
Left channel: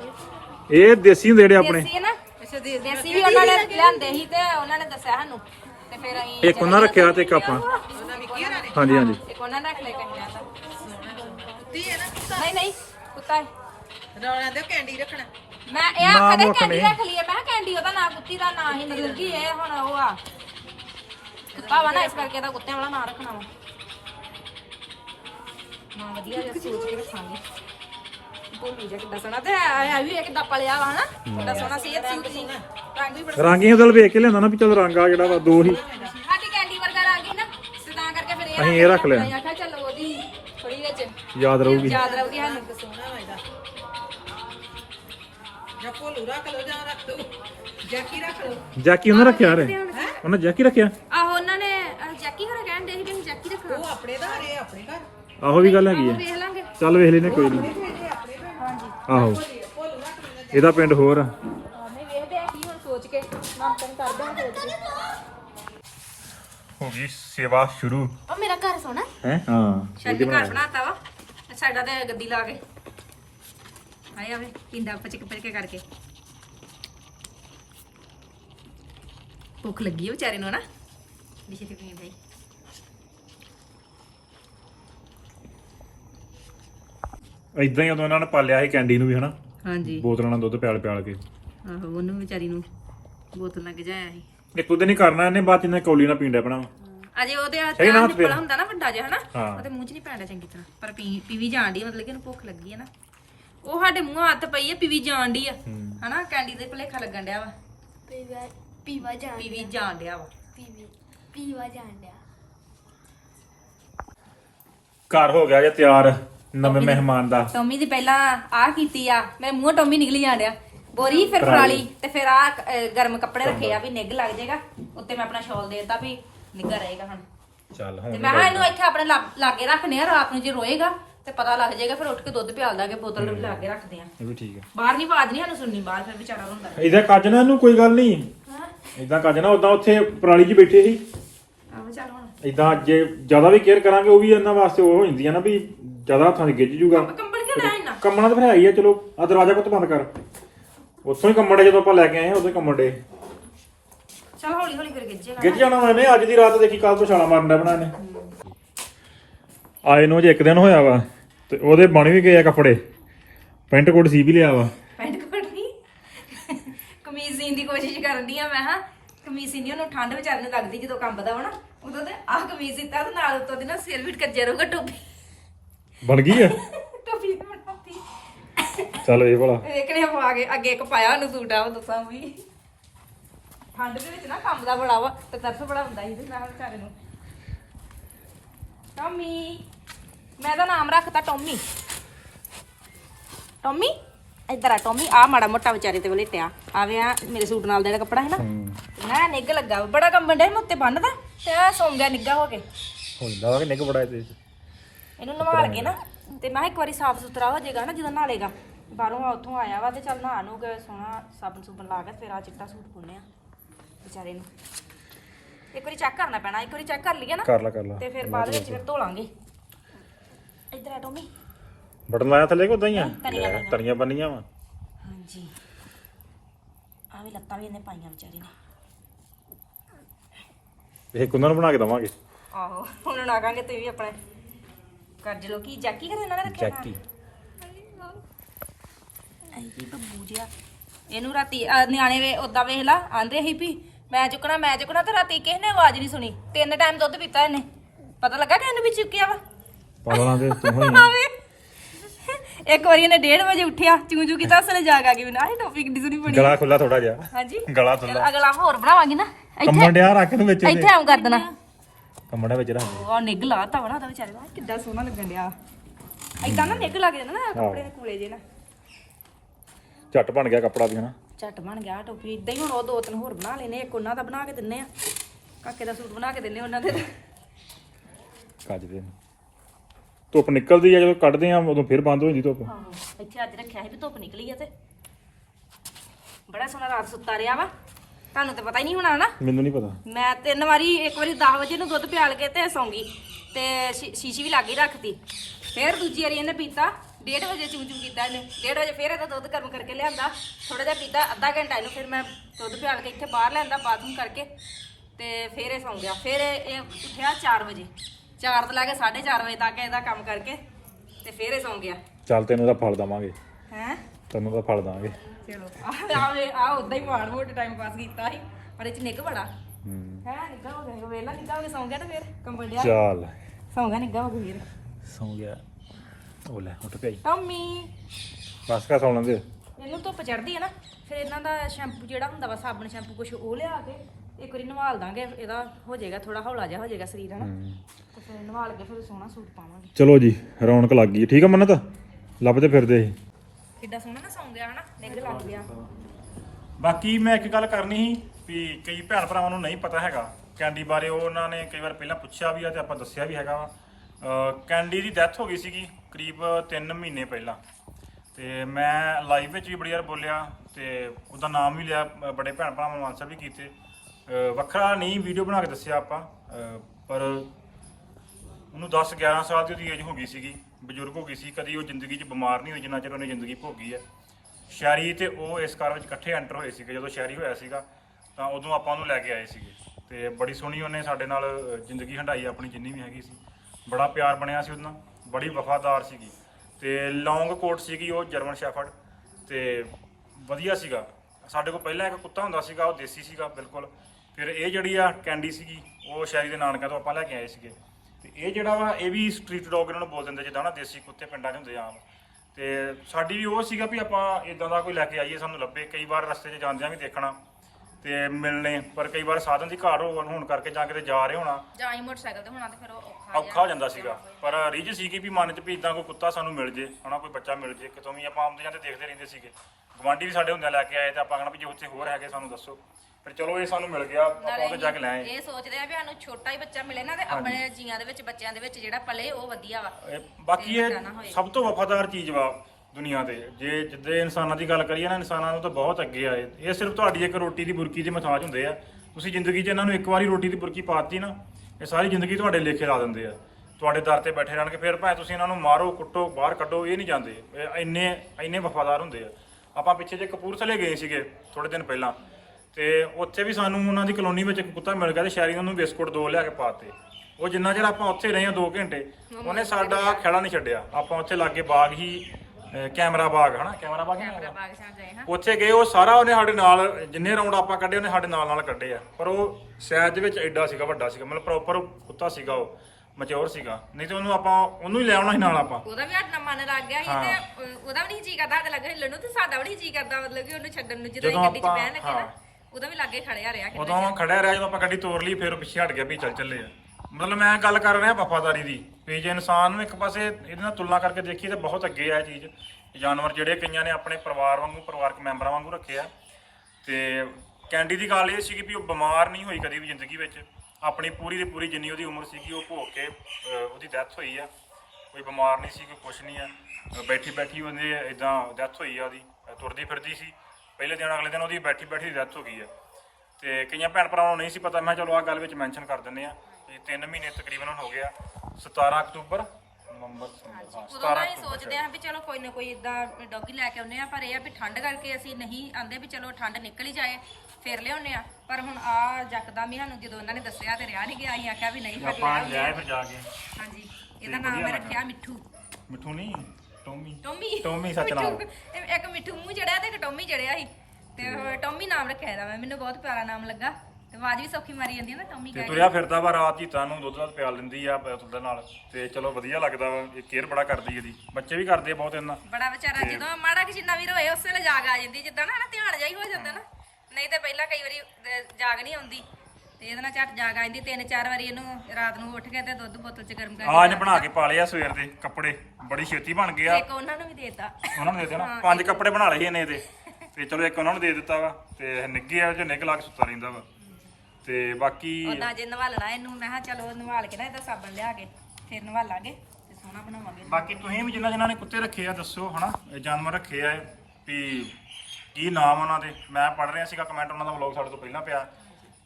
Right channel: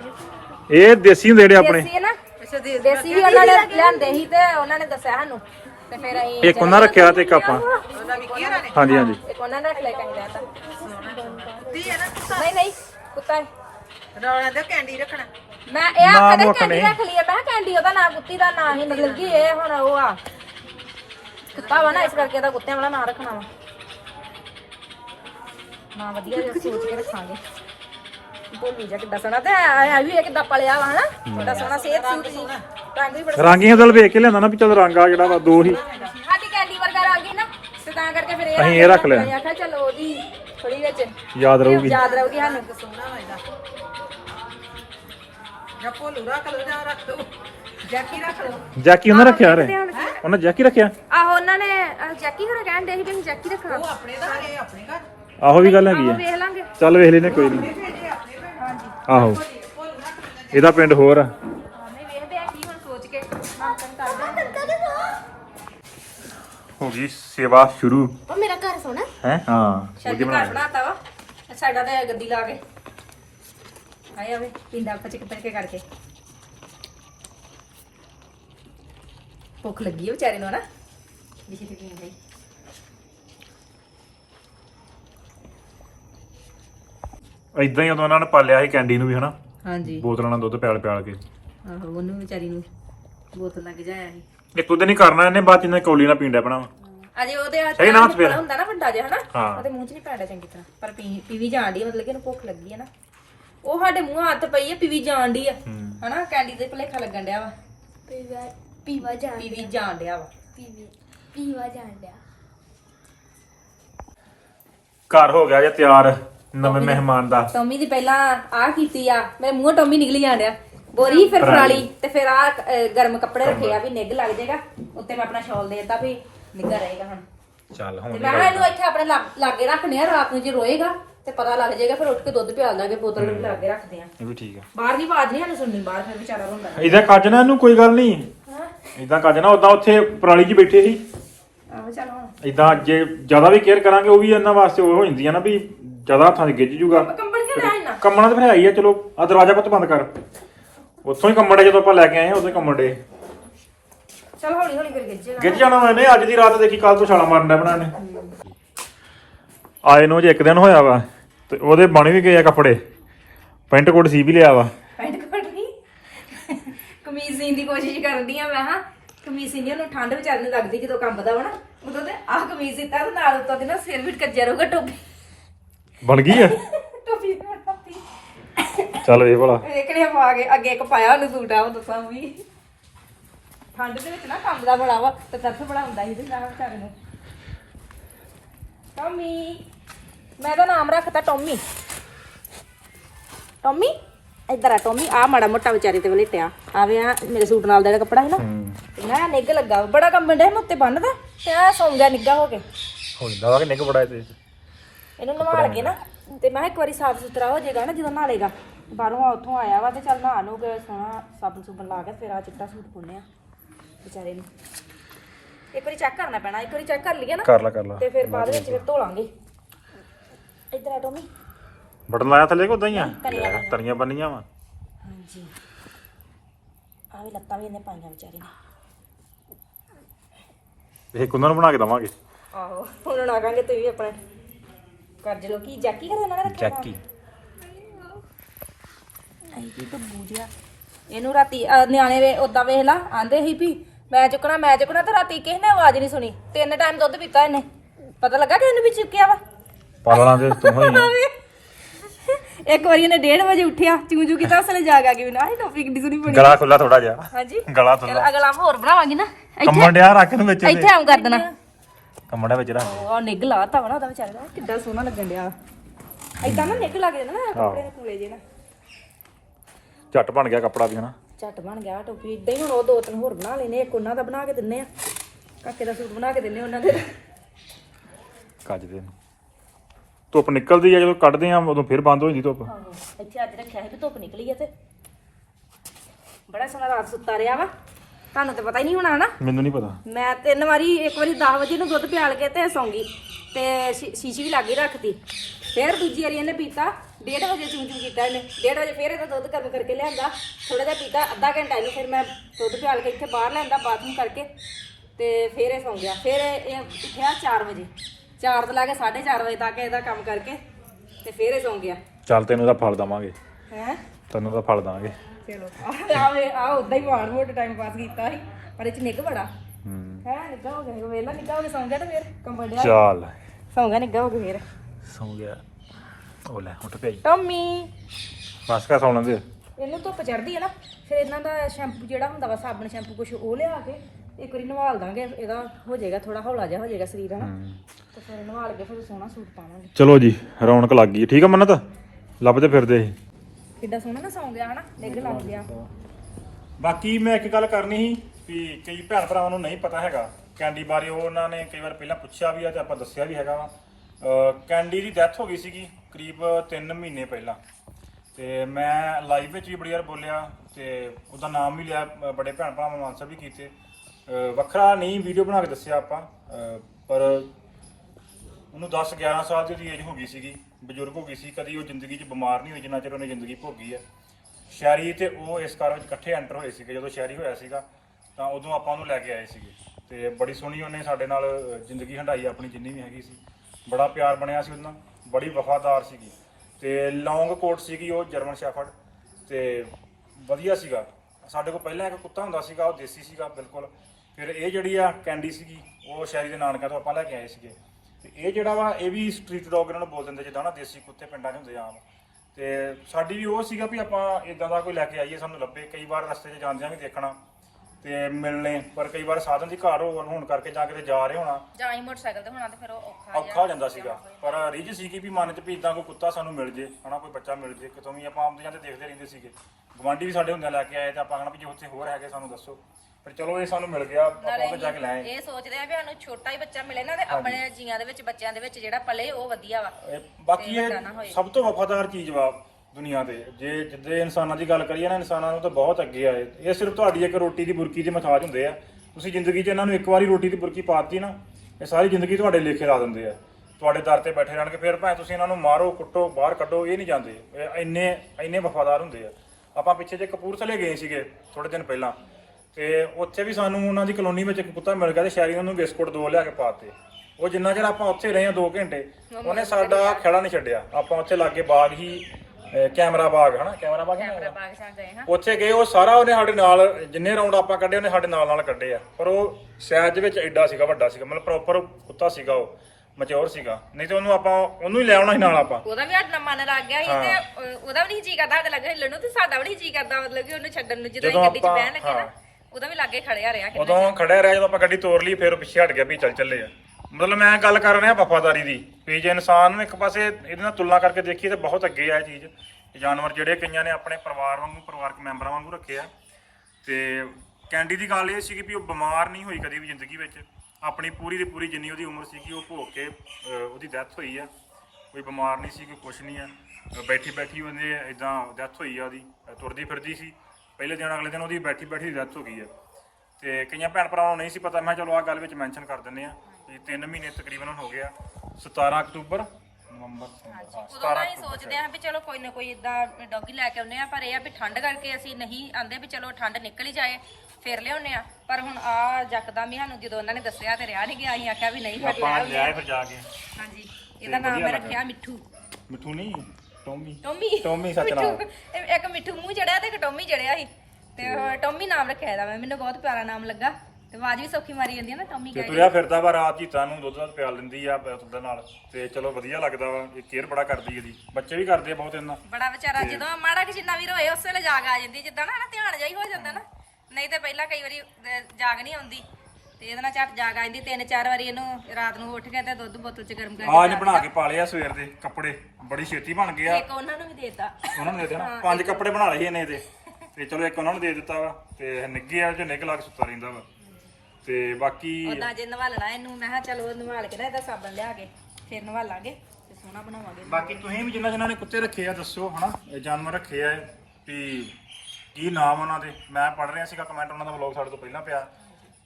ਇਹ ਦੇਸੀ ਹੁੰਦੇ ਜਿਹੜੇ ਆਪਣੇ। ਦੇਸੀ ਹੈ ਨਾ? ਅੱਛਾ ਦੇਸੀ ਵੀ ਉਹਨਾਂ ਨੇ ਲਿਆਂਦੇ ਸੀ ਤੇ ਉਹਨਾਂ ਨੇ ਦੱਸਿਆ ਸਾਨੂੰ। ਤੇ ਫਿਰ ਅਸੀਂ ਇੱਕ ਉਹਨਾਂ ਰੱਖਿਆ ਤੇ ਇੱਕ ਆਪਾਂ। ਹਾਂਜੀ ਹਾਂਜੀ। ਇੱਕ ਉਹਨਾਂ ਨੇ ਰੱਖ ਲਿਆ ਕੰਨ ਲਿਆ ਤਾਂ ਕੁੱਤੀ ਹੈ ਨਾ ਨਹੀਂ ਨਹੀਂ ਕੁੱਤਾ ਹੈ। ਰੌਲਾ ਦੇ ਕੈਂਡੀ ਰੱਖਣਾ। ਮੈਂ ਇਹ ਨਾਮ ਆਖਦੇ ਰੱਖਣੇ। ਕੈਂਡੀ ਰੱਖ ਲਈ ਹੈ। ਮੈਂ ਕਿਹਾ ਕੈਂਡੀ ਉਹਦਾ ਨਾਂ ਕੁੱਤੀ ਦਾ ਨਾਂ ਹੀ ਕਿ ਇਹ ਹੁਣ ਉਹ ਆ। ਕੁੱਤਾ ਵਾ ਨਾ ਇਸ ਕਰਕੇ ਇਹਦਾ ਕੁੱਤਿਆਂ ਵਾਲਾ ਨਾਂ ਰੱਖਣਾ ਵਾ। ਨਾ ਵਧੀਆ ਜਿਹਾ ਸੋਚ ਕੇ ਰੱਖਾਂਗੇ। ਬੋਲੂ ਜਾ ਕਿੱਦਾਂ ਸੋਹਣਾ ਤੇ ਹੈ ਵੀ ਇਹ ਕਿੱਦਾਂ ਪਲਿਆ ਵਾ ਹਨਾ? ਕਿੱਦਾਂ ਸੋਹਣਾ ਸਿਹਤ ਸੂਟ ਸੀ। ਰੰਗ ਵੀ ਬੜਾ ਰੰਗੀਆਂ ਦਲ ਵੇਖ ਕੇ ਲਿਆਂਦਾ ਨਾ ਵੀ ਚੱਲ ਰੰਗ ਆ ਜਿਹੜਾ ਵਾ ਦੋ ਹੀ। ਸਾਡੀ ਕੈਂਡੀ ਵਰਗਾ ਰੰਗ ਹੀ ਨਾ ਤੇ ਤਾਂ ਕਰਕੇ ਫਿਰ ਇਹ ਅਸੀਂ ਇਹ ਰੱਖ ਲਿਆ। ਅਸੀਂ ਆਖਿਆ ਚੱਲ ਉਹਦੀ ਥੋੜੀ ਵਿੱਚ। ਯਾਦ ਰਹੂਗੀ। ਯਾਦ ਰਹੂਗੀ ਸਾਨੂੰ। ਜਾਂ ਭੋਲੂ ਰੱਖ ਲਓ ਜਾਂ ਰੱਖ ਲਓ। ਜੈਕੀ ਰੱਖ ਲਓ। ਜੈਕੀ ਉਹਨਾਂ ਰੱਖਿਆ ਰੇ ਉਹਨਾਂ ਜੈਕੀ ਰੱਖਿਆ? ਆਹੋ ਉਹਨਾਂ ਨੇ ਜੈਕੀ ਹੋਰ ਕਹਿਣ ਦੇ ਸੀ ਵੀ ਅਸੀਂ ਜੈਕੀ ਰੱਖਣਾ। ਉਹ ਆਪਣੇ ਘਰ ਇਹ ਆਪਣੇ ਘਰ। ਆਹੋ ਵੀ ਗੱਲ ਹੈਗੀ ਆ। ਵੇਖ ਲਾਂਗੇ। ਚੱਲ ਵੇਖ ਲੈਨੇ ਕੋਈ ਨਹੀਂ ਆਹੋ। ਇਹਦਾ ਪਿੰਡ ਹੋਰ ਆ। ਵੇਖਦੇ ਆ ਕੀ ਹੁਣ ਸੋਚ ਕੇ ਹੋ ਗਈ ਸੇਵਾ ਸ਼ੁਰੂ। ਉਹ ਮੇਰਾ ਘਰ ਸੋਣਾ ਹੈ? ਹਾਂ। ਸ਼ਾਇਦ ਘਰ ਬਣਾਤਾ ਵਾ। ਸਾਡਾ ਤੇ ਗੱਦੀ ਲਾ ਕੇ। ਆਏ ਆਵੇ ਪਿੰਡਾ ਪਚਕ ਪਚਕੇ ਕਰਕੇ। ਭੁੱਖ ਲੱਗੀ ਹੈ ਵਿਚਾਰੇ ਨੂੰ ਨਾ ਦਿਸ਼ੀ ਤੇ ਪੀਣ ਲਈ ਇਦਾਂ ਹੀ ਉਦੋਂ ਉਹਨਾਂ ਨੇ ਪਾਲਿਆ ਸੀ ਕੈਂਡੀ ਨੂੰ ਵੀ ਹਨਾ? ਹਾਂਜੀ। ਬੋਤਲਾਂ ਨਾਲ ਦੁੱਧ ਪਿਆਲ ਪਿਆਲ ਕੇ। ਆਹੋ ਉਹਨੂੰ ਵਿਚਾਰੀ ਨੂੰ ਬੋਤਲ ਲੱਗ ਜਾਇਆ ਸੀ। ਇੱਕ ਉਹਦੇ ਨਹੀਂ ਕਰਨਾ ਇਹਨੇ ਬਾਅਦ ਇਹਨੇ ਕੋਲੀ ਨਾਲ ਪੀਂਦਾ ਬਣਾ। ਅਜੇ ਉਹਦੇ ਹੱਥ ਸਹੀ ਨਾ ਹੱਥ ਪਿਆ। ਹੁੰਦਾ ਨਾ ਵੱਡਾ ਜਿਹਾ ਹਨਾ? ਹਾਂ। ਉਹਦੇ ਮੂੰਹ 'ਚ ਨਹੀਂ ਪੈਂਦਾ ਚੰਗੀ ਤਰ੍ਹਾਂ। ਪਰ ਪੀ ਪੀਵੀ ਜਾਣ ਡਈ ਆ, ਮਤਲਬ ਕਿ ਇਹਨੂੰ ਭੁੱਖ ਲੱਗੀ ਹੈ ਨਾ। ਉਹ ਸਾਡੇ ਮੂੰਹ ਹੱਥ ਪਈ ਆ ਪੀਵੀ ਜਾਣ ਡਈ ਆ ਹਨਾ? ਕੈਂਡੀ ਦੇ ਭਲੇਖਾ ਲੱਗਣ ਡਿਆ ਵਾ। ਪੀਵਾ ਪੀਵਾ ਜਾਣ ਪੀਵੀ ਜਾਣ ਡਿਆ ਵਾ। ਪੀਵੀ ਪੀਵਾ ਜਾਣ ਡਿਆ। ਘਰ ਹੋ ਗਿਆ ਜੇ ਤਿਆਰ। ਨਵੇਂ ਮਹਿਮਾਨ ਦਾ। ਟੋਮੀ ਦੀ ਪਹਿਲਾਂ ਆ ਕੀਤੀ ਆ। ਮੇਰੇ ਮੂੰਹੋਂ ਟੋਮੀ ਨਿਕਲੀ ਜਾਣ ਡਿਆ। ਬੋਰੀ ਫਿਰ ਫਰਾਲੀ ਤੇ ਫਿਰ ਆ ਗਰਮ ਕੱਪੜੇ ਰੱਖੇ ਆ ਵੀ ਨਿੱਘ ਲੱਗ ਜਾਏਗਾ। ਉੱਤੇ ਮੈਂ ਆਪਣਾ ਸ਼ਾਲ ਦੇ ਦਿੱਤਾ ਵੀ ਨਿੱਘਾ ਰਹੇਗਾ ਹੁਣ। ਚੱਲ ਹੁਣ ਤੇ ਮੈਂ ਕਿਹਾ ਇਹਨੂੰ ਇੱਥੇ ਆਪਣੇ ਲਾ- ਲਾਗੇ ਰੱਖਨੇ ਆ ਰਾਤ ਨੂੰ ਜੇ ਰੋਏਗਾ ਤੇ ਪਤਾ ਲੱਗ ਜਾਏਗਾ ਫਿਰ ਉੱਠ ਕੇ ਦੁੱਧ ਪਿਆਲ ਦਾਂਗੇ ਬੋਤਲ ਵੀ ਲਾਗੇ ਰੱਖਦੇ ਆ। ਇਹ ਵੀ ਠੀਕ ਹੈ ਬਾਹਰ ਦੀ ਆਵਾਜ਼ ਨਹੀਂ ਸਾਨੂੰ ਸੁਣਨੀ ਬਾਹਰ ਫਿਰ ਵਿਚਾਰਾ ਰੋਂਦਾ। ਇਦਾਂ ਕੱਜਣਾ ਇਹਨੂੰ ਕੋਈ ਗੱਲ ਨਹੀਂ ਹਾਂ। ਇਦਾਂ ਕੱਜਣਾ ਉਦਾਂ ਉੱਥੇ ਪਰਾਲੀ 'ਚ ਬੈਠੇ ਸੀ। ਆਹੋ ਚੱਲ ਹੁਣ। ਇਦਾਂ ਜੇ ਜ਼ਿਆਦਾ ਵੀ ਕੇਅਰ ਕਰਾਂਗੇ ਉਹ ਵੀ ਇਹਨਾਂ ਵਾਸਤੇ ਹੋ ਜਾਂਦੀ ਆ ਨਾ ਵੀ ਜ਼ਿਆਦਾ ਹੱਥਾਂ 'ਚ ਗਿੱਜ ਜੂਗਾ। ਕੰਬਲ ਕਿਉਂ ਨਾ ਇੰਨਾ ਕੰਮਣਾ ਤਾਂ ਫਿਰ ਹੀ ਆ ਚਲੋ। ਆ ਦਰਵਾਜ਼ਾ ਪੁੱਤ ਬੰਦ ਕਰ। ਉੱਥੋਂ ਹੀ ਕੰਮੜੇ ਜਦੋਂ ਆਪਾਂ ਲੈ ਕੇ ਆਏ ਉਦੋਂ ਹੀ ਕੰਮੜੇ ਚਲ ਹੌਲੀ ਹੌਲੀ ਫਿਰ ਗਿੱਜੇਗਾ ਗਿੱਜ ਜਾਣਾ ਉਹਨੇ ਅੱਜ ਦੀ ਰਾਤ ਦੇਖੀ ਕੱਲ ਤੋਂ ਛਾਲਾ ਮਾਰਨ ਦਾ ਬਣਾਣੇ ਆਏ ਨੂੰ ਜੇ ਇੱਕ ਦਿਨ ਹੋਇਆ ਵਾ ਤੇ ਉਹਦੇ ਬਣ ਵੀ ਗਏ ਆ ਕੱਪੜੇ। ਪੈਂਟ ਕੋਟ ਸੀ ਵੀ ਲਿਆ ਵਾ। ਪੈਂਟ ਕੋਟ ਨਹੀਂ ਕਮੀਜ਼ ਸੀਨ ਦੀ ਕੋਸ਼ਿਸ਼ ਕਰਦੀ ਆ ਮੈਂ ਹਾਂ। ਕਮੀਜ਼ ਸੀਨੀ ਉਹਨੂੰ ਠੰਡ ਵਿਚਾਰੀ ਨੂੰ ਲੱਗਦੀ ਜਦੋਂ ਕੰਬਦਾ ਵਾ ਨਾ। ਉਦੋਂ ਤੇ ਆਹ ਕਮੀਜ਼ ਸੀਤਾ ਤੇ ਨਾਲ ਉੱਤੋਂ ਦੀ ਨਾ ਸਿਰ ਵੀ ਕੱਜਿਆ ਰਹੂਗਾ ਟੋਪੀ। ਬਣ ਗਈ ਆ? ਟੋਪੀ ਬਣਾਤੀ। ਚੱਲ ਇਹ ਭਲਾ ਵੇਖਣੇ ਪਾ ਕੇ ਅੱਗੇ ਇੱਕ ਪਾਇਆ ਉਹਨੂੰ ਸੂਟ ਆ ਉਹ ਦੱਸਾਂ ਵੀ। ਠੰਡ ਦੇ ਵਿੱਚ ਨਾ ਕੰਮ ਦਾ ਬੜਾ ਵਾ ਤੇ ਤਰਸ ਬੜਾ ਹੁੰਦਾ ਸੀ ਤੇ ਨਾਲ ਵਿਚਾਰੇ ਨੂੰ। ਟੋਮੀ ਮੈਂ ਤਾਂ ਨਾਮ ਰੱਖਤਾ ਟੋਮੀ। ਟੋਮੀ ਇੱਧਰ ਆ ਟੋਮੀ ਆ ਮਾੜਾ ਮੋਟਾ ਵਿਚਾਰੇ ਤੇ ਵਲੇਟਿਆ। ਆਵੇ ਆ ਮੇਰੇ ਸੂਟ ਨਾਲ ਦਾ ਜਿਹੜਾ ਕੱਪੜਾ ਹੈ ਨਾ। ਮੈਂ ਨਿੱਘ ਲੱਗਾ ਵਾ, ਬੜਾ ਕੰਬਣ ਡਿਆ ਮੈਂ ਉੱਤੇ ਬੰਨਦਾ ਤੇ ਆ ਸੌਂ ਗਿਆ ਨਿੱਘਾ ਹੋ ਕੇ। ਹੁਣ ਦਾ ਕਿ ਨਿੱਕ ਬੜਾ ਤੇ। ਇਹਨੂੰ ਨਵਾ ਕੇ ਨਾ। ਤੇ ਮੈਂ ਕਿਹਾ ਇੱਕ ਵਾਰੀ ਸਾਫ਼ ਸੁਥਰਾ ਹੋ ਜਾਏਗਾ ਨਾ ਜਦੋਂ ਨਹਾਲੇਗਾ ਬਾਹਰੋਂ ਆ ਉੱਥੋਂ ਆਇਆ ਵਾ ਤੇ ਚੱਲ ਨਹਾ ਨੂੰ ਕੇ ਸੋਹਣਾ ਸਾਬਣ ਸੁਬਣ ਲਾ ਕੇ ਫਿਰ ਆ ਚਿੱਟਾ ਸੂਟ ਪੁੰਨਿਆ ਵਿਚਾਰੇ ਨੂੰ। ਇੱਕ ਵਾਰੀ ਚੈੱਕ ਕਰਨਾ ਪੈਣਾ ਇੱਕ ਵਾਰੀ ਚੈੱਕ ਕਰ ਲਿਆ ਨਾ ਕਰ ਲਾ ਕਰ ਲਾ। ਤੇ ਫਿਰ ਬਾਅਦ ਵਿੱਚ ਫਿਰ ਧੋ ਲਾਂਗੇ ਇੱਧਰ ਆ ਟੋਮੀ। ਬਟਨ ਲਾਇਆ ਥੱਲੇ ਕੋ ਦਈਆਂ ਤਣੀਆਂ ਬੰਨੀਆਂ ਵਾ। ਹਾਂਜੀ। ਆ ਵੀ ਲੱਤਾਂ ਵੀ ਇਹਨੇ ਪਾਈਆਂ ਵਿਚਾਰੇ ਨੇ। ਇਹ ਕੁੰਨਾਂ ਨੂੰ ਬਣਾ ਕੇ ਦਵਾਂਗੇ। ਆਹੋ ਹੁਣ ਨਾ ਕਹਾਂਗੇ ਤੁਸੀਂ ਵੀ ਆਪਣਾ ਕਰਜ ਲੋ ਕੀ ਜੈਕੀ ਕਰੇ ਇਹਨਾਂ ਨੇ ਰੱਖਿਆ? ਜੈਕੀ। ਕੀ ਤਾਂ ਬੂਝਿਆ? ਇਹਨੂੰ ਰਾਤੀ ਅਹ ਨਿਆਣੇ ਵੇ ਉਦਾਂ ਵੇਖ ਲਾ ਆਂਦੇ ਸੀ ਵੀ ਮੈਂ ਚੁੱਕਣਾ ਮੈਂ ਚੁੱਕਣਾ ਤੇ ਰਾਤੀ ਕਿਸੇ ਨੇ ਆਵਾਜ਼ ਨਹੀਂ ਸੁਣੀ। ਤਿੰਨ ਟਾਈਮ ਦੁੱਧ ਪੀਤਾ ਇਹਨੇ। ਪਤਾ ਲੱਗਾ ਕਿ ਇਹਨੂੰ ਵੀ ਚੁੱਕਿਆ ਵਾ? ਪਾਲਣਾ ਦੇ ਤੂੰ ਹੀ। ਆ। ਆਵੇ। ਇੱਕ ਵਾਰੀ ਇਹਨੇ 1:30 ਵਜੇ ਉੱਠਿਆ ਚੂ ਚੂ ਕੀਤਾ ਉਸਨੇ ਜਾਗ ਆ ਗਈ ਨਾ ਹੀ ਟੋਪੀ ਕਿੱਡੀ ਸੋਹਣੀ ਬਣੀ। ਗਲਾ ਖੁੱਲਾ ਥੋੜਾ ਜਿਹਾ। ਹਾਂਜੀ। ਗਲਾ ਥੋੜਾ ਅਗਲਾ ਹੋਰ ਬਣਾਵਾਂਗੀ ਨਾ। ਇੱਥੇ ਕੰਮਣ ਡਿਆ ਰੱਖ ਨੂੰ ਵਿੱਚ ਇੱਥੇ ਆਉਂ ਕਰ ਦੇਣਾ। ਕੰਮੜਾ ਵਿੱਚ ਰੱਖ ਉਹ ਨਿੱਗ ਲਾਤਾ ਵਾ ਨਾ ਉਹਦਾ ਵਿਚਾਰੇ ਦਾ। ਕਿੱਦਾਂ ਸੋਹਣਾ ਲੱਗਣ ਡਿਆ ਐਦਾਂ ਨਾ ਨਿੱਗ ਲੱਗ ਜਾਂਦਾ ਨਾ ਕੱਪੜੇ ਦੇ ਕੋਲੇ ਜੇ ਨਾ। ਝੱਟ ਬਣ ਗਿਆ ਕੱਪੜਾ ਵੀ ਹਨਾ। ਝੱਟ ਬਣ ਗਿਆ ਟੋਪੀ। ਇਦਾਂ ਹੀ ਹੁਣ ਉਹ ਦੋ ਤਿੰਨ ਹੋਰ ਬਣਾ ਲੈਨੇ ਇੱਕ ਉਹਨਾਂ ਦਾ ਬਣਾ ਕੇ ਦਿੰਨੇ ਆ। ਕਾਕੇ ਦਾ ਸੂਟ ਬਣਾ ਕੇ ਦਿੰਨੇ ਉਹਨਾਂ ਦੇ। ਕੱਜ ਦੇ। ਧੁੱਪ ਨਿਕਲਦੀ ਆ ਜਦੋਂ ਕੱਢਦੇ ਆ ਉਦੋਂ ਫਿਰ ਬੰਦ ਹੋ ਜਾਂਦੀ ਧੁੱਪ। ਇੱਥੇ ਅੱਜ ਰੱਖਿਆ ਸੀ ਵੀ ਧੁੱਪ ਨਿਕਲੀ ਆ ਤੇ। ਬੜਾ ਸੋਹਣਾ ਰਾਤ ਸੁੱਤਾ ਰਿਹਾ ਵਾ। ਤੁਹਾਨੂੰ ਤੇ ਪਤਾ ਹੀ ਨਹੀਂ ਹੋਣਾ ਨਾ ਮੈਨੂੰ ਨਹੀਂ ਪਤਾ। ਮੈਂ ਤਿੰਨ ਵਾਰੀ ਇੱਕ ਵਾਰੀ 10 ਵਜੇ ਨੂੰ ਦੁੱਧ ਪਿਆਲ ਕੇ ਤੇ ਸੌਂਗੀ ਤੇ ਸ਼ੀ- ਸ਼ੀਸ਼ੀ ਵੀ ਲਾਗੇ ਰੱਖਤੀ। ਫਿਰ ਦੂਜੀ ਵਾਰੀ ਇਹਨੇ ਪੀਤਾ। 1:30 ਵਜੇ ਚੂੰ ਚੂੰ ਕੀਤਾ ਇਹਨੇ। 1:30 ਵਜੇ ਫਿਰ ਇਹਦਾ ਦੁੱਧ ਗਰਮ ਕਰਕੇ ਲਿਆਂਦਾ। ਥੋੜਾ ਜਿਹਾ ਪੀਤਾ ਅੱਧਾ ਘੰਟਾ ਇਹਨੂੰ ਫਿਰ ਮੈਂ ਦੁੱਧ ਪਿਆਲ ਕੇ ਇੱਥੇ ਬਾਹਰ ਲਿਆਂਦਾ ਬਾਥਰੂਮ ਕਰਕੇ। ਤੇ ਫਿਰ ਇਹ ਸੌਂ ਗਿਆ। ਫਿਰ ਇਹ ਇਹ ਉੱਠਿਆ 4 ਵਜੇ। 4 ਤੋਂ ਲੈ ਕੇ 4:30 ਵਜੇ ਤੱਕ ਇਹਦਾ ਕੰਮ ਕਰਕੇ। ਤੇ ਫਿਰ ਇਹ ਸੌਂ ਗਿਆ। ਚੱਲ ਤੈਨੂੰ ਤਾਂ ਫਲ ਦਵਾਂਗੇ। ਹੈ? ਤੈਨੂੰ ਤਾਂ ਫਲ ਦਾਂਗੇ ਚਲੋ। ਆਵੇ ਆ ਉਦਾਂ ਹੀ ਮਾੜ ਮੋਟ ਟਾਈਮ ਪਾਸ ਕੀਤਾ ਸੀ ਪਰ ਇਹ ਚ ਨਿੱਘ ਬੜਾ। ਹੂੰ। ਹੈ ਨਿੱਘਾ ਹੋ ਗਿਆ ਵੇਲਾ ਨਿੱਘਾ ਹੋ ਕੇ ਸੌਂ ਗਿਆ ਤੇ ਫਿਰ ਕੰਬਲ ਡਿਆ ਚੱਲ। ਸੌਂ ਗਿਆ ਨਿੱਘਾ ਹੋ ਕੇ ਫਿਰ। ਸੌਂ ਗਿਆ। ਉਹ ਲੈ ਉੱਠ ਪਿਆ ਈ। ਟੋਮੀ। ਬਸ ਕਾ ਸੌਂ ਲੈਂਦੇ ਇਹਨੂੰ ਧੁੱਪ ਚੜਦੀ ਹੈ ਨਾ ਫਿਰ ਇਹਨਾਂ ਦਾ ਸ਼ੈਂਪੂ ਜਿਹੜਾ ਹੁੰਦਾ ਵਾ ਸਾਬਣ ਸ਼ੈਂਪੂ ਕੁਛ ਉਹ ਲਿਆ ਕੇ ਇੱਕ ਵਾਰੀ ਨਵਾਲ ਦਾਂਗੇ ਇਹਦਾ ਹੋ ਜਾਏਗਾ ਥੋੜਾ ਹੌਲਾ ਜਿਹਾ ਹੋ ਜਾਏਗਾ ਸਰੀਰ ਹਨਾ? ਤੇ ਫਿਰ ਨਵਾਲ ਕੇ ਫਿਰ ਸੋਹਣਾ ਸੂਟ ਪਾਵਾਂਗੇ। ਚਲੋ ਜੀ ਰੌਣਕ ਲੱਗ ਗਈ। ਠੀਕ ਆ ਮੰਨਤ? ਲੱਭਦੇ ਫਿਰਦੇ ਸੀ। ਕਿੱਡਾ ਸੋਹਣਾ ਨਾ ਸੌਂ ਗਿਆ ਹਨਾ? ਨਿੱਘ ਲੱਗ ਗਿਆ। ਬਾਕੀ ਮੈਂ ਇੱਕ ਗੱਲ ਕਰਨੀ ਸੀ ਵੀ ਕਈ ਭੈਣ ਭਰਾਵਾਂ ਨੂੰ ਨਹੀਂ ਪਤਾ ਹੈਗਾ, ਕੈਂਡੀ ਬਾਰੇ ਉਹ ਉਹਨਾਂ ਨੇ ਕਈ ਵਾਰ ਪਹਿਲਾਂ ਪੁੱਛਿਆ ਵੀ ਆ ਤੇ ਆਪਾਂ ਦੱਸਿਆ ਵੀ ਹੈਗਾ ਵਾ। ਕੈਂਡੀ ਦੀ ਡੈਥ ਹੋ ਗਈ ਸੀਗੀ ਕਰੀਬ 3 ਮਹੀਨੇ ਪਹਿਲਾਂ। ਤੇ ਮੈਂ ਲਾਈਵ ਵਿੱਚ ਵੀ ਬੜੀ ਵਾਰ ਬੋਲਿਆ ਤੇ ਉਹਦਾ ਨਾਮ ਵੀ ਲਿਆ ਬੜੇ ਭੈਣ ਭਰਾਵਾਂ ਮਾਨਸਾ ਵੀ ਕੀਤੇ। ਵੱਖਰਾ ਨਹੀਂ ਵੀਡੀਓ ਬਣਾ ਕੇ ਦੱਸਿਆ ਆਪਾਂ। ਪਰ ਉਹਨੂੰ 10 11 ਸਾਲ ਦੀ ਉਹਦੀ ਏਜ ਹੋ ਗਈ ਸੀਗੀ। ਬਜ਼ੁਰਗ ਹੋ ਗਈ ਸੀ, ਕਦੀ ਉਹ ਜ਼ਿੰਦਗੀ 'ਚ ਬਿਮਾਰ ਨਹੀਂ ਹੋਈ, ਜਿੰਨਾ ਚਿਰ ਉਹਨੇ ਜ਼ਿੰਦਗੀ ਭੋਗੀ ਹੈ ਸ਼ਹਿਰੀ ਤੇ ਉਹ ਇਸ ਕਾਰ ਵਿੱਚ ਇਕੱਠੇ ਐਂਟਰ ਹੋਏ ਸੀਗੇ, ਜਦੋਂ ਸ਼ਹਿਰੀ ਹੋਇਆ ਸੀਗਾ, ਤਾਂ ਉਦੋਂ ਆਪਾਂ ਉਹਨੂੰ ਲੈ ਕੇ ਆਏ ਸੀਗੇ। ਤੇ ਬੜੀ ਸੋਹਣੀ ਉਹਨੇ ਸਾਡੇ ਨਾਲ ਜ਼ਿੰਦਗੀ ਹੰਡਾਈ ਆਪਣੀ, ਜਿੰਨੀ ਵੀ ਹੈਗੀ ਸੀ। ਬੜਾ ਪਿਆਰ ਬਣਿਆ ਸੀ ਉਹਨਾਂ ਬੜੀ ਵਫਾਦਾਰ ਸੀਗੀ। ਤੇ ਲੌਂਗ ਕੋਟ ਸੀਗੀ ਉਹ, ਜਰਮਨ ਸ਼ੈਫਰਡ। ਤੇ ਵਧੀਆ ਸੀਗਾ। ਸਾਡੇ ਕੋਲ ਪਹਿਲਾਂ ਇੱਕ ਕੁੱਤਾ ਹੁੰਦਾ ਸੀਗਾ, ਉਹ ਦੇਸੀ ਸੀਗਾ, ਬਿਲਕੁਲ। ਫਿਰ ਇਹ ਜਿਹੜੀ ਆ ਕੈਂਡੀ ਸੀਗੀ, ਉਹ ਸ਼ਹਿਰੀ ਦੇ ਨਾਨਕਿਆਂ ਤੋਂ ਆਪਾਂ ਲੈ ਕੇ ਆਏ ਸੀਗੇ। ਤੇ ਇਹ ਜਿਹੜਾ ਵਾ, ਇਹ ਵੀ ਸਟਰੀਟ ਡੌਗ ਇਹਨਾਂ ਨੂੰ ਬੋਲ ਦਿੰਦੇ ਜਿੱਦਾਂ ਨਾ ਦੇਸੀ ਕੁੱਤੇ ਪਿੰਡਾਂ 'ਚ ਹੁੰਦੇ ਆਮ। ਤੇ ਸਾਡੀ ਵੀ ਉਹ ਸੀਗਾ ਵੀ ਆਪਾਂ ਇਦਾਂ ਦਾ ਕੋਈ ਲੈ ਕੇ ਆਈਏ, ਸਾਨੂੰ ਲੱਭੇ। ਕਈ ਵਾਰ ਰਸਤੇ 'ਚ ਜਾਂਦਿਆਂ ਵੀ ਦੇਖਣਾ। ਤੇ ਮਿਲਣੇ ਪਰ ਕਈ ਵਾਰ ਸਾਧਨ ਦੀ ਘਾਟ ਹੋਣ ਹੋਣ ਕਰਕੇ ਜਾਂ ਕਿਤੇ ਜਾ ਰਹੇ ਹੋਣਾ। ਜਾਂ ਹੀ ਮੋਟਰਸਾਈਕਲ ਤੇ ਹੋਣਾ ਤੇ ਫਿਰ ਉਹ ਔਖਾ ਔਖਾ ਹੋ ਜਾਂਦਾ ਸੀਗਾ। ਪਰ ਰੀਝ ਸੀਗੀ ਵੀ ਮਨ 'ਚ ਵੀ ਇਦਾਂ ਕੋਈ ਕੁੱਤਾ ਸਾਨੂੰ ਮਿਲ ਜੇ ਹਨਾ ਕੋਈ ਬੱਚਾ ਮਿਲ ਜੇ ਕਿਤੋਂ ਵੀ ਆਪਾਂ ਆਉਂਦੇ ਜਾਂਦੇ ਦੇਖਦੇ ਰਹਿੰਦੇ ਸੀਗੇ। ਗਵਾਂਢੀ ਵੀ ਸਾਡੇ ਹੁੰਦਿਆਂ ਲੈ ਕੇ ਆਏ ਤੇ ਆਪਾਂ ਕਹਣਾ ਵੀ ਜੇ ਉੱਥੇ ਹੋਰ ਹੈਗੇ ਸਾਨੂੰ ਦੱਸੋ। ਫਿਰ ਚਲੋ ਇਹ ਸਾਨੂੰ ਮਿਲ ਗਿਆ ਆਪਾਂ ਉੱਥੇ ਜਾ ਕੇ ਲੈ ਆਏ। ਇਹ ਸੋਚਦੇ ਆ ਵੀ ਸਾਨੂੰ ਛੋਟਾ ਹੀ ਬੱਚਾ ਮਿਲੇ ਨਾ ਤੇ ਆਪਣੇ ਜੀਆਂ ਦੇ ਵਿੱਚ ਬੱਚਿਆਂ ਦੇ ਵਿੱਚ ਜਿਹੜਾ ਪਲੇ ਉਹ ਵਧੀਆ ਵਾ। ਇਹ ਬਾਕੀ ਇਹ। ਸਭ ਤੋਂ ਵਫਾਦਾਰ ਚੀਜ਼ ਵਾ ਦੁਨੀਆ ਤੇ। ਜੇ ਜਿੱਦੇ ਇਨਸਾਨਾਂ ਦੀ ਗੱਲ ਕਰੀਏ ਨਾ ਇਨਸਾਨਾਂ ਨੂੰ ਤਾਂ ਬਹੁਤ ਅੱਗੇ ਆਏ। ਇਹ ਸਿਰਫ ਤੁਹਾਡੀ ਇੱਕ ਰੋਟੀ ਦੀ ਬੁਰਕੀ ਦੇ ਮਥਾਜ ਹੁੰਦੇ ਆ। ਤੁਸੀਂ ਜ਼ਿੰਦਗੀ 'ਚ ਇਹਨਾਂ ਨੂੰ ਇੱਕ ਵਾਰੀ ਰੋਟੀ ਦੀ ਬੁਰਕੀ ਪਾਤੀ ਨਾ ਇਹ ਸਾਰੀ ਜ਼ਿੰਦਗੀ ਤੁਹਾਡੇ ਲੇਖੇ ਲਾ ਦਿੰਦੇ ਆ। ਤੁਹਾਡੇ ਦਰ ਤੇ ਬੈਠੇ ਰਹਿਣਗੇ ਫਿਰ ਭਾਵੇਂ ਤੁਸੀਂ ਇਹਨਾਂ ਨੂੰ ਮਾਰੋ ਕੁੱਟੋ ਬਾਹਰ ਕੱਢੋ ਇਹ ਨਹੀਂ ਜਾਂਦੇ। ਇਹ ਇੰਨੇ ਇੰਨੇ ਵਫਾਦਾਰ ਹੁੰਦੇ ਆ। ਆਪਾਂ ਪਿੱਛੇ ਜੇ ਕਪੂਰਥਲੇ ਗਏ ਸੀਗੇ ਥੋੜੇ ਦਿਨ ਪਹਿਲਾਂ ਤੇ ਉੱਥੇ ਵੀ ਸਾਨੂੰ ਉਹਨਾਂ ਦੀ ਕਲੋਨੀ ਵਿੱਚ ਇੱਕ ਕੁੱਤਾ ਮਿਲ ਗਿਆ ਤੇ ਸ਼ਾਇਰੀ ਉਹਨੂੰ ਬਿਸਕੁਟ ਦੋ ਲਿਆ ਕੇ ਪਾਤੇ ਉਹ ਜਿੰਨਾ ਚਿਰ ਆਪਾਂ ਉੱਥੇ ਰਹੇ ਆ 2 ਘੰਟੇ ਉਹਨੇ ਸਾਡਾ ਖੇੜਾ ਨਹੀਂ ਛੱਡਿਆ। ਆਪਾਂ ਉੱਥੇ ਲਾਗੇ ਬਾਗ ਹੀ ਅਹ ਕੈਮਰਾ ਬਾਗ ਹਨਾ? ਕੈਮਰਾ ਬਾਗ ਕੈਮਰਾ ਬਾਗ ਚ ਗਏ ਹਾਂ। ਉੱਥੇ ਗਏ ਉਹ ਸਾਰਾ ਉਹਨੇ ਸਾਡੇ ਨਾਲ ਜਿੰਨੇ ਰਾਉਂਡ ਆਪਾਂ ਕੱਢੇ ਉਹਨੇ ਸਾਡੇ ਨਾਲ ਨਾਲ ਕੱਢੇ ਆ। ਪਰ ਉਹ ਸਾਈਜ਼ ਦੇ ਵਿੱਚ ਐਡਾ ਸੀਗਾ ਵੱਡਾ ਸੀਗਾ ਮਤਲਬ ਪ੍ਰੋਪਰ ਕੁੱਤਾ ਸੀਗਾ ਉਹ ਮੈਚੁਰ ਸੀਗਾ। ਨਹੀਂ ਤੇ ਉਹਨੂੰ ਆਪਾਂ ਉਹਨੂੰ ਹੀ ਲੈ ਆਉਣਾ ਸੀ ਨਾਲ ਆਪਾਂ। ਉਹਦਾ ਵੀ ਸਾਡਾ ਮਨ ਲੱਗ ਗਿਆ ਸੀ ਤੇ ਅਹ, ਉਹਦਾ ਵੀ ਨਹੀਂ ਜੀ ਕਰਦਾ ਸਾਡੇ ਲੱਗੇ ਹਿੱਲਣ ਨੂੰ ਤੇ ਸਾਡਾ ਵੀ ਨਹੀਂ ਜੀ ਕਰਦਾ ਮਤਲਬ ਕਿ ਉਹਨੂੰ ਛੱਡਣ ਨੂੰ ਜਦੋਂ ਅਸੀਂ ਗੱਡੀ 'ਚ ਆਪਾਂ- ਬਹਿਣ ਲੱਗੇ ਨਾ ਹਾਂ। ਉਹਦਾ ਵੀ ਲਾਗੇ ਖੜਿਆ ਰਿਹਾ ਕਿੰਨਾ ਉਦੋਂ ਖੜਿਆ ਰਿਹਾ ਜਦੋਂ ਆਪਾਂ ਗੱਡੀ ਤੋਰ ਲਈ ਫਿਰ ਉਹ ਪਿੱਛੇ ਹਟ ਗਿਆ ਵੀ ਚੱਲ ਚੱਲੇ ਆ। ਮਤਲਬ ਮੈਂ ਗੱਲ ਕਰ ਰਿਹਾ ਵਫਾਦਾਰੀ ਦੀ, ਵੀ ਜੇ ਇਨਸਾਨ ਨੂੰ ਇੱਕ ਪਾਸੇ ਇਹਦੇ ਨਾਲ ਤੁਲਨਾ ਕਰਕੇ ਦੇਖੀਏ ਤਾਂ ਬਹੁਤ ਅੱਗੇ ਆ ਇਹ ਚੀਜ਼। ਇਹ ਜਾਨਵਰ ਜਿਹੜੇ ਕਈਆਂ ਨੇ ਆਪਣੇ ਪਰਿਵਾਰ ਵਾਂਗੂ, ਪਰਿਵਾਰਕ ਮੈਂਬਰਾਂ ਵਾਂਗੂ ਰੱਖੇ ਆ। ਤੇ ਕੈਂਡੀ ਦੀ ਗੱਲ ਇਹ ਸੀਗੀ ਵੀ ਉਹ ਬਿਮਾਰ ਨਹੀਂ ਹੋਈ ਕਦੀ ਵੀ ਜ਼ਿੰਦਗੀ ਵਿੱਚ। ਆਪਣੀ ਪੂਰੀ ਦੀ ਪੂਰੀ ਜਿੰਨੀ ਉਹਦੀ ਉਮਰ ਸੀਗੀ, ਉਹ ਭੋਗ ਕੇ ਉਹਦੀ ਡੈਥ ਹੋਈ ਆ। ਕੋਈ ਬਿਮਾਰ ਨਹੀਂ ਸੀ, ਕੋਈ ਕੁਛ ਨਹੀਂ ਆ। ਬੈਠੀ ਬੈਠੀ ਉਹਨੇ ਇਦਾਂ ਡੈਥ ਹੋਈ ਆ ਉਹਦੀ ਤੁਰਦੀ ਫਿਰਦੀ ਸੀ। ਪਹਿਲੇ ਦਿਨ, ਅਗਲੇ ਦਿਨ ਉਹਦੀ ਬੈਠੀ ਬੈਠੀ ਡੈਥ ਹੋ ਗਈ ਆ। ਤੇ ਕਈਆਂ ਭੈਣ ਭਰਾਵਾਂ ਨੂੰ ਨਹੀਂ ਸੀ ਪਤਾ, ਮੈਂ ਚਲੋ ਆ ਗੱਲ ਵਿੱਚ ਮੈਂਸ਼ਨ ਕਰ ਦਿੰਦੇ ਆ। ਵੀ 3 ਮਹੀਨੇ ਤਕਰੀਬਨ ਹੋ ਗਿਆ। 17 ਅਕਤੂਬਰ ਨਵੰਬਰ ਹਾਂ, ਉਦੋਂ 17 ਦਾ ਹੀ ਅਕਤੂਬਰ ਸੋਚਦੇ ਆ ਵੀ ਚਲੋ ਕੋਈ ਨਾ ਕੋਈ ਇਦਾਂ ਡੌਗੀ ਲੈ ਕੇ ਆਉਨੇ ਆ ਪਰ ਇਹ ਆ ਵੀ ਠੰਡ ਕਰਕੇ ਅਸੀਂ ਨਹੀਂ ਆਂਦੇ ਵੀ ਚਲੋ ਠੰਡ ਨਿਕਲ ਹੀ ਜਾਏ ਫੇਰ ਲਿਆਉਨੇ ਆ ਪਰ ਹੁਣ ਆ ਜੱਕਦਮ ਹੀ ਸਾਨੂੰ ਜਦੋਂ ਉਹਨਾਂ ਨੇ ਦੱਸਿਆ ਤੇ ਰਿਆ ਨਹੀਂ ਗਿਆ ਅਸੀਂ ਆਖਿਆ ਵੀ ਨਹੀਂ ਫਿਰ ਲੈ ਆਪਾਂ ਲਿਆਏ ਆ। ਫਿਰ ਜਾ ਕੇ। ਹਾਂਜੀ ਇਹਦਾ ਨਾਮ ਮੈਂ। ਰੱਖਿਆ ਮਿੱਠੂ। ਮਿੱਠੂ ਨਹੀਂ ਟੋਮੀ। ਟੋਮੀ? ਟੋਮੀ ਸੱਚ ਨਾਮ। ਇੱਕ ਮਿੱਠੂ ਮੂੰਹ ਜੜਿਆ ਤੇ ਇੱਕ ਟੋਮੀ ਜੜਿਆ ਸੀ। ਤੇ ਟੋਮੀ ਨਾਮ ਰੱਖਿਆ ਇਹਦਾ ਮੈਂ ਮੈਨੂੰ ਬਹੁਤ ਪਿਆਰਾ ਨਾਮ ਲੱਗਾ। ਤੇ ਆਵਾਜ਼ ਵੀ ਸੌਖੀ ਮਾਰੀ ਜਾਂਦੀ ਆ ਨਾ ਟੋਮੀ ਤੇ ਕਹਿ ਤੁਰਿਆ ਫਿਰਦਾ ਵਾ ਰਾਤ ਹੀ ਨੂੰ ਦੁੱਧ ਦਾ ਪਿਆਲ ਦਿੰਦੀ ਆ ਦੁੱਧ ਨਾਲ। ਤੇ ਚਲੋ ਵਧੀਆ ਲੱਗਦਾ ਵਾ ਇਹ ਕੇਅਰ ਬੜਾ ਕਰਦੀ ਇਹਦੀ। ਬੱਚੇ ਵੀ ਕਰਦੇ ਆ ਬਹੁਤ ਇਹਨਾਂ ਬੜਾ ਵਿਚਾਰਾ ਜਦੋਂ ਮਾੜਾ ਕਿ ਜਿੰਨਾ ਵੀ ਰੋਏ ਉਸੇ ਵੇਲੇ ਜਾਗ ਆ ਜਾਂਦੀ ਜਿੱਦਾਂ ਨਾ ਨਾ ਧਿਆਨ ਜਾਈ ਹੋ ਜਾਂਦਾ ਨਾ। ਨਹੀਂ ਤੇ ਪਹਿਲਾਂ ਕਈ ਵਾਰੀ ਅਹ, ਜਾਗ ਨਹੀਂ ਆਉਂਦੀ। ਤੇ ਇਹਦੇ ਨਾਲ ਝੱਟ ਜਾਗ ਆ ਜਾਂਦੀ ਤਿੰਨ ਚਾਰ ਵਾਰੀ ਇਹਨੂੰ ਰਾਤ ਨੂੰ ਉੱਠ ਕੇ ਤੇ ਦੁੱਧ ਬੋਤਲ ਚ ਗਰਮ ਕਰਕੇ ਆਜ ਬਣਾ ਕੇ ਪਾ ਲਿਆ ਸਵੇਰ ਦੇ ਕੱਪੜੇ। ਬੜੀ ਛੇਤੀ ਬਣ ਗਿਆ। ਇੱਕ ਉਹਨਾਂ ਨੂੰ ਵੀ ਦੇਤਾ। ਉਹਨਾਂ ਨੂੰ ਦੇ ਦੇਣਾ ਪੰਜ ਕੱਪੜੇ ਬਣਾ ਲਏ ਇਹਨੇ ਇਹਦੇ। ਤੇ ਚਲੋ ਇੱਕ ਉਹਨਾਂ ਨੂੰ ਦੇ ਦਿੱਤਾ ਵਾ। ਤੇ ਨਿੱਗੇ ਆ ਜੋ ਨਿੱਗ ਲਾ ਕੇ ਸੁੱਤਾ ਰਹਿੰਦਾ ਵਾ। ਤੇ ਬਾਕੀ ਉਦਾਂ ਜੇ ਨਵਾਲਣਾ ਇਹਨੂੰ ਮੈਂ ਕਿਹਾ ਚਲੋ ਨਵਾਲ ਕੇ ਨਾ ਇਹਦਾ ਸਾਬਣ ਲਿਆ ਕੇ ਫਿਰ ਨਵਾਲਾਂਗੇ ਤੇ ਸੋਹਣਾ ਬਣਾਵਾਂਗੇ। ਬਾਕੀ ਤੁਸੀਂ ਵੀ ਜਿੰਨਾ ਜਿਨ੍ਹਾਂ ਨੇ ਕੁੱਤੇ ਰੱਖੇ ਆ ਦੱਸੋ ਹਨਾ ਇਹ ਜਾਨਵਰ ਰੱਖੇ ਆ ਵੀ ਕੀ ਨਾਮ ਉਹਨਾਂ ਦੇ? ਮੈਂ ਪੜ ਰਿਹਾ ਸੀਗਾ ਕਮੈਂਟ ਉਹਨਾਂ ਦਾ ਵਲੌਗ ਸਾਡੇ ਤੋਂ ਪਹਿਲਾਂ ਪਿਆ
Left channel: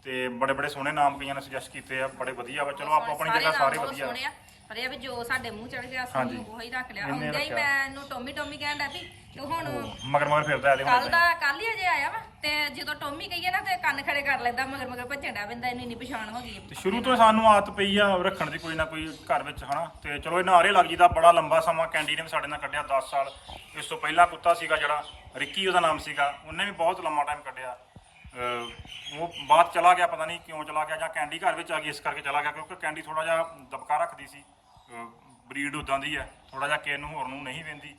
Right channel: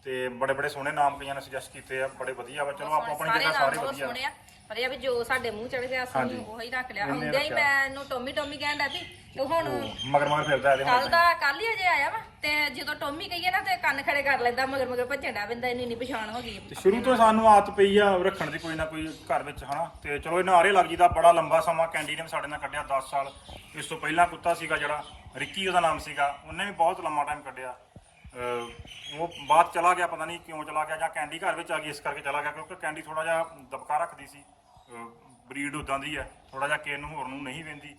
ਤੇ ਬੜੇ ਬੜੇ ਸੋਹਣੇ ਨਾਮ ਕਈਆਂ ਨੇ ਸੁਜੈਸਟ ਕੀਤੇ ਆ ਬੜੇ ਵਧੀਆ ਵਾ ਚਲੋ ਆਪਾਂ ਆਪਣੀ ਸਾਰੇ ਜਗ੍ਹਾ ਸਾਰੇ ਬਹੁਤ ਵਧੀਆ। ਸੋਹਣੇ ਆ ਪਰ ਇਹ ਆ ਵੀ ਜੋ ਸਾਡੇ ਮੂੰਹ ਚੜ ਗਿਆ ਹਾਂਜੀ। ਅਸੀਂ ਉਹੀ ਰੱਖ ਲਿਆ। ਉਹਨੇ ਹੁੰਦਿਆਂ ਹੀ ਰੱਖਿਆ। ਮੈਂ ਇਹਨੂੰ ਟੋਮੀ ਟੋਮੀ ਕਹਿਣ ਲੱਗੀ ਤੇ ਹੁਣ ਮਗਰ ਮਗਰ ਫਿਰਦਾ ਇਹਦੇ ਕੱਲ ਹੁਣ ਦਾ ਕੱਲ ਹੀ ਅਜੇ ਆਇਆ ਵਾ। ਤੇ ਜਦੋਂ ਟੋਮੀ ਕਹੀਏ ਨਾ ਤੇ ਕੰਨ ਖੜੇ ਕਰ ਲੈਂਦਾ, ਮਗਰ ਮਗਰ ਭੱਜਣ ਡਿਆ ਪੈਂਦਾ ਇਹਨੂੰ ਇੰਨੀ ਪਛਾਣ ਹੋ ਗਈ। ਤੇ ਸ਼ੁਰੂ ਤੋਂ ਸਾਨੂੰ ਆਦਤ ਪਈ ਆ ਰੱਖਣ ਦੀ ਕੋਈ ਨਾ ਕੋਈ ਘਰ ਵਿੱਚ, ਹਨਾ? ਤੇ ਚਲੋ, ਇਹ ਨਾਰੇ ਲੱਗ ਜੀਦਾ ਬੜਾ ਲੰਬਾ ਸਮਾਂ ਕੈਂਡੀ ਨੇ ਵੀ ਸਾਡੇ ਨਾਲ ਕੱਢਿਆ 10 ਸਾਲ। ਇਸ ਤੋਂ ਪਹਿਲਾਂ ਕੁੱਤਾ ਸੀਗਾ ਜਿਹੜਾ, ਰਿੱਕੀ ਉਹਦਾ ਨਾਮ ਸੀਗਾ। ਉਹਨੇ ਵੀ ਬਹੁਤ ਲੰਮਾ ਟਾਈਮ ਕੱਢਿਆ। ਅਹ ਉਹ ਬਾਅਦ ਚਲਾ ਗਿਆ, ਪਤਾ ਨਹੀਂ ਕਿਉਂ ਚਲਾ ਗਿਆ ਜਾਂ ਕੈਂਡੀ ਘਰ ਵਿੱਚ ਆ ਗਈ, ਇਸ ਕਰਕੇ ਚਲਾ ਗਿਆ, ਕਿਉਂਕਿ ਕੈਂਡੀ ਥੋੜਾ ਜਿਹਾ ਦਬਕਾ ਰੱਖਦੀ ਸੀ। ਬਰੀਡ ਉਦਾਂ ਦੀ ਹੈ ਥੋੜਾ ਜਿਹਾ ਕਿਸੇ ਨੂੰ ਹੋਰ ਨੂੰ ਨਹੀਂ ਵੰਦੀ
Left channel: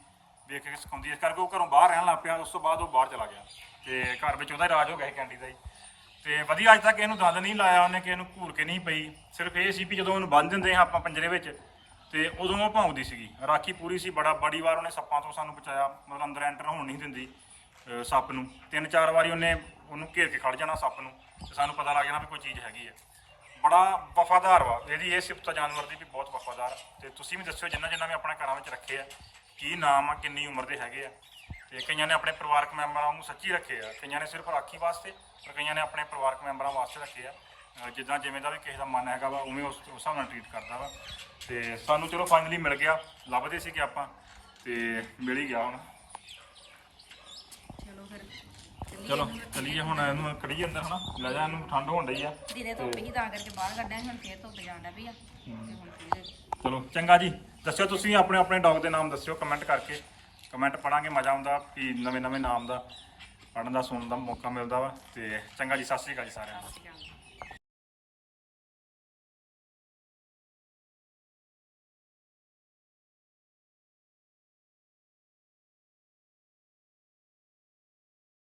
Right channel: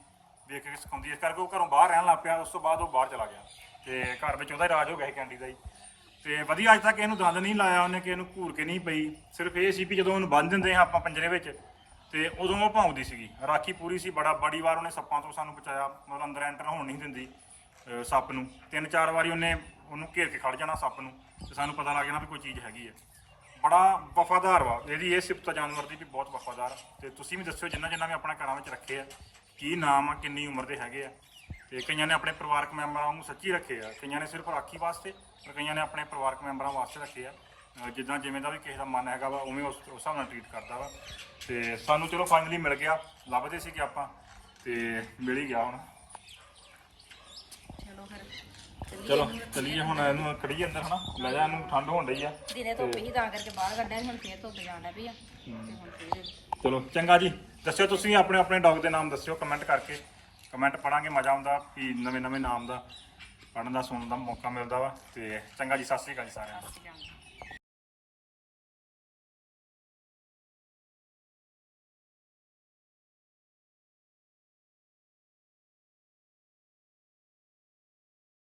ਦੇਖ ਕੇ ਸਿਖਾਉਂਦੀ ਇਸ ਕਰਕੇ ਉਹ ਘਰੋਂ ਬਾਹਰ ਰਹਿਣ ਲੱਗ ਪਿਆ, ਉਸ ਤੋਂ ਬਾਅਦ ਉਹ ਬਾਹਰ ਚਲਾ ਗਿਆ। ਤੇ ਘਰ ਵਿੱਚ ਉਹਦਾ ਹੀ ਰਾਜ ਹੋ ਗਿਆ ਸੀ ਕੈਂਡੀ ਦਾ ਜੀ ਤੇ ਵਧੀਆ ਅੱਜ ਤੱਕ ਇਹਨੂੰ ਦੰਦ ਨਹੀਂ ਲਾਇਆ ਉਹਨੇ ਕਿ ਇਹਨੂੰ ਘੂਰ ਕੇ ਨਹੀਂ ਪਈ। ਸਿਰਫ ਇਹ ਸੀ ਵੀ ਜਦੋਂ ਉਹਨੂੰ ਬੰਨ ਦਿੰਦੇ ਹਾਂ ਆਪਾਂ ਪੰਜਰੇ ਵਿੱਚ, ਤੇ ਉਦੋਂ ਉਹ ਭੌਂਕਦੀ ਸੀਗੀ। ਰਾਖੀ ਪੂਰੀ ਸੀ, ਬੜਾ ਬੜੀ ਵਾਰ ਉਹਨੇ ਸੱਪਾਂ ਤੋਂ ਸਾਨੂੰ ਬਚਾਇਆ। ਮਤਲਬ ਅੰਦਰ ਐਂਟਰ ਹੋਣ ਨਹੀਂ ਦਿੰਦੀ ਸੱਪ ਨੂੰ। ਤਿੰਨ ਚਾਰ ਵਾਰੀ ਉਹਨੇ ਉਹਨੂੰ ਘੇਰ ਕੇ ਖੜ ਜਾਣਾ ਸੱਪ ਨੂੰ, ਤੇ ਸਾਨੂੰ ਪਤਾ ਲੱਗ ਜਾਣਾ ਵੀ ਕੋਈ ਚੀਜ਼ ਹੈਗੀ ਹੈ। ਬੜਾ ਵਫਾਦਾਰ ਵਾ। ਇਹਦੀ ਇਹ ਸਿਫਤ ਆ ਜਾਨਵਰ ਦੀ ਵੀ ਬਹੁਤ ਵਫਾਦਾਰ। ਤੇ ਤੁਸੀਂ ਵੀ ਦੱਸਿਓ, ਜਿੰਨਾ ਜਿੰਨਾ ਵੀ ਆਪਣੇ ਘਰਾਂ ਵਿੱਚ ਰੱਖੇ ਆ, ਕੀ ਨਾਮ ਆ, ਕਿੰਨੀ ਉਮਰ ਦੇ ਹੈਗੇ ਆ। ਤੇ ਕਈਆਂ ਨੇ ਆਪਣੇ ਪਰਿਵਾਰਕ ਮੈਂਬਰਾਂ ਨੂੰ ਸੱਚੀ ਰੱਖੇ ਆ। ਕਈਆਂ ਨੇ ਸਿਰਫ ਰਾਖੀ ਵਾਸਤੇ ਪਰ ਕਈਆਂ ਨੇ ਆਪਣੇ ਪਰਿਵਾਰਕ ਮੈਂਬਰਾਂ ਵਾਸਤੇ ਰੱਖੇ ਆ। ਅਹ ਜਿੱਦਾਂ ਜਿਵੇਂ ਦਾ ਵੀ ਕਿਸੇ ਦਾ ਮਨ ਹੈਗਾ ਵਾ ਉਵੇਂ ਉਸ ਉਸ ਹਿਸਾਬ ਨਾਲ ਟ੍ਰੀਟ ਕਰਦਾ ਵਾ। ਤੇ ਸਾਨੂੰ ਚਲੋ ਫਾਈਨਲੀ ਮਿਲ ਗਿਆ। ਲੱਭਦੇ ਸੀ ਕਿ ਆਪਾਂ ਤੇ ਮਿਲ ਹੀ ਗਿਆ ਹੁਣ। ਚਲੋ ਫਿਰ ਚੱਲੀਏ ਚਲੋ ਇਹਨੂੰ। ਚੱਲੀਏ ਹੁਣ ਇਹਨੂੰ ਕੜੀਏ ਅੰਦਰ ਹਨਾ। ਲੈ ਜਾ ਇਹਨੂੰ ਠੰਡ ਹੋਣ ਡਈ ਆ। ਦਿਨੇ ਧੁੱਪ ਹੀ ਤਾਂ ਕਰਕੇ ਬਾਹਰ ਕੱਢਿਆ ਸੀ, ਹੁਣ ਫੇਰ ਧੁੱਪ ਜਾਣ ਡਿਆ ਪਈ ਆ। ਤੇ ਹੁਣ ਫੇਰ ਚਲੋ ਚੰਗਾ ਜੀ। ਦੱਸਿਓ ਤੁਸੀਂ ਆਪਣੇ ਆਪਣੇ ਡੌਗ ਦੇ ਨਾਮ ਦੱਸਿਓ ਕਮੈਂਟ ਕਰਕੇ। ਕਮੈਂਟ ਪੜਾਂਗੇ ਮਜ਼ਾ ਆਉਂਦਾ ਕਿ ਨਵੇਂ ਨਵੇਂ ਨਾਮ ਦਾ ਪੜਨ ਦਾ, ਸੁਣਨ ਦਾ ਮੌਕਾ ਮਿਲਦਾ ਵਾ ਤੇ ਚੰਗਾ ਜੀ, ਸਤਿ ਸ਼੍ਰੀ ਅਕਾਲ ਜੀ ਸਾਰਿਆਂ ਨੂੰ।